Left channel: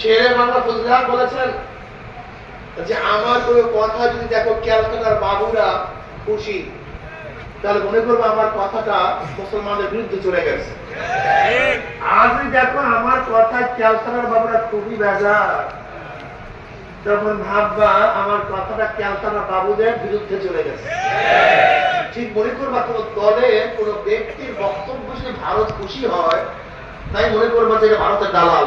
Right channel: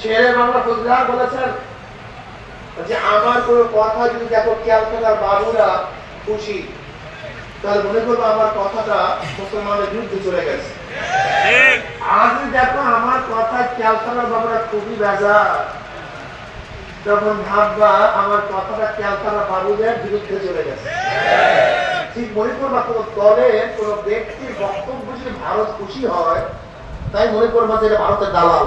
শেরে বাংলা ফজলার বলেছেন যে আমার কোনো কথা যদি দেখো বাবুরা খুশি তাহলে মনে করব আমার কথাটা মুসলমানদের বিরুদ্ধে চলে গেছে। আজ দেখো আমার কথা ক্যালকাটার বাবুরা খুবই বেজার তখন ভাববা আমার কথাটা ক্যালকাটা বাবুদের বিরুদ্ধে চলে গেছে। ঠিক। মনে করবা কোন দলে কোন ব্যক্তির বক্তব্য যদি ভারত খুশি হয় তাই মনে করবা যে ভারতের দালাল।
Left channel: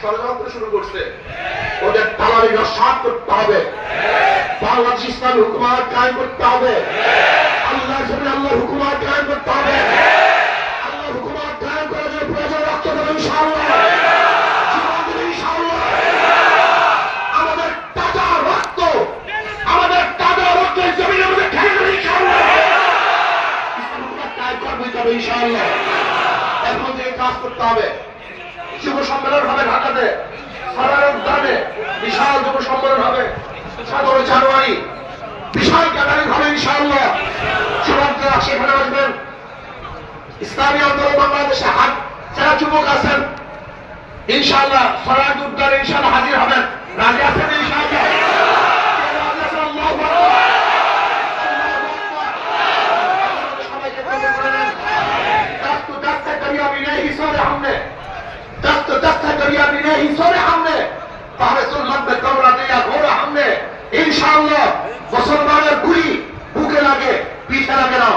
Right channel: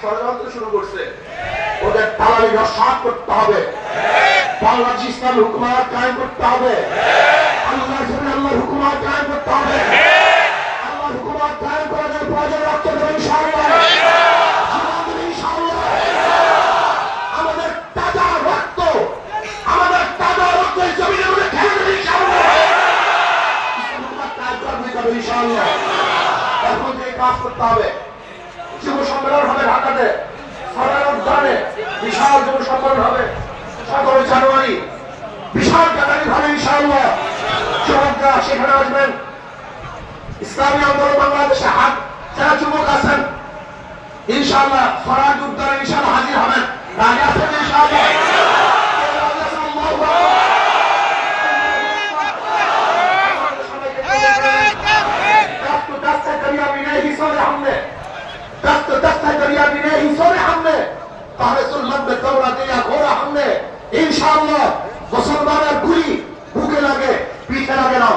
ষড়যন্ত্র শুরু করছে। ওদের দালালি নস্বাত করতে হবে। বাংলাদেশ ইসলাম হুকুমাত কায়েম করতে হবে। আল্লাহ আল্লাহ হুকুমাত কায়েম করতে হবে। আল্লাহ প্রয়োজন রক্ত দেবে ইনশাআল্লাহ। ইনশাআল্লাহ। এখন থেকে কাজ করতে হবে। যুব সম্মেলন হবে ঢাকাতে। সরার উদ্যানে বিশাল যুব সম্মেলন হবে। সতেরো জানুয়ারি বিশাল গ্যাদারিং হবে ইনশাআল্লাহ। যুবকরা সেখানে আসবেন। ইসলামী আন্দোলন বাংলাদেশে হাত যারা যুবক আছেন, ইনশাআল্লাহ সরাজ উদ্যানে ইনশাআল্লাহ হাজির হবেন। রাজি আছেন ইনশাআল্লাহ? करिया दिने हिस्सों में তাহলে সুন্নতের তবলা দিয়া ঘোড়া হামলে। ইনশাআল্লাহ, মুসলমানের গুলি বুকে লাগে, পিঠে লাগে না।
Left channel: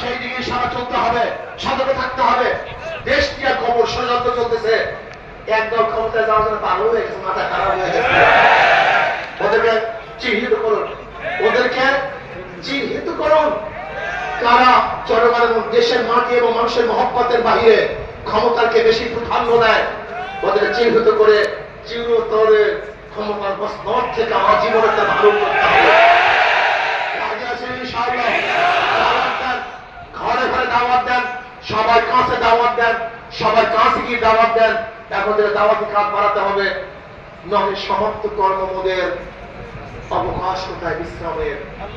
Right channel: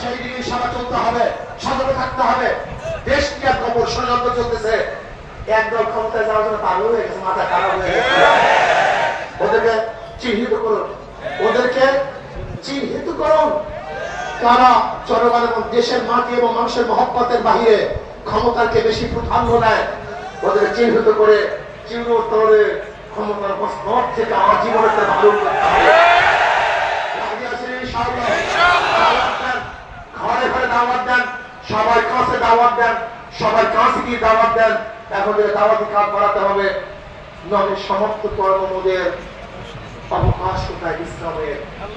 সেই দিকে হবে, সতর্ক থাকতে হবে। দেশ নিয়ে খবর ষড়যন্ত্র চলতেছে। একদল ক্ষমতায় যাওয়ার জন্য পাগল হয়ে গেছে, মাথা খারাপ হয়ে গেছে। কারা জনগণ এবং দেশের মাটি এবং মানুষের মহব্বতের বাহিরে ক্ষমতাকে বেশি প্রাধান্য দেয়। ওদের চিহ্নিত করে চিরতরে ক্ষমতার থেকে আমার সবাই কাছে দাওয়াত দেন। সবাই কাছে গিয়ে দাওয়াত দেন। এখন থেকে দাওয়াতি কাজ বাড়াতে হবে। নহে সমস্ত কর্মমোদের অবকাশ কোথায় ইসলামের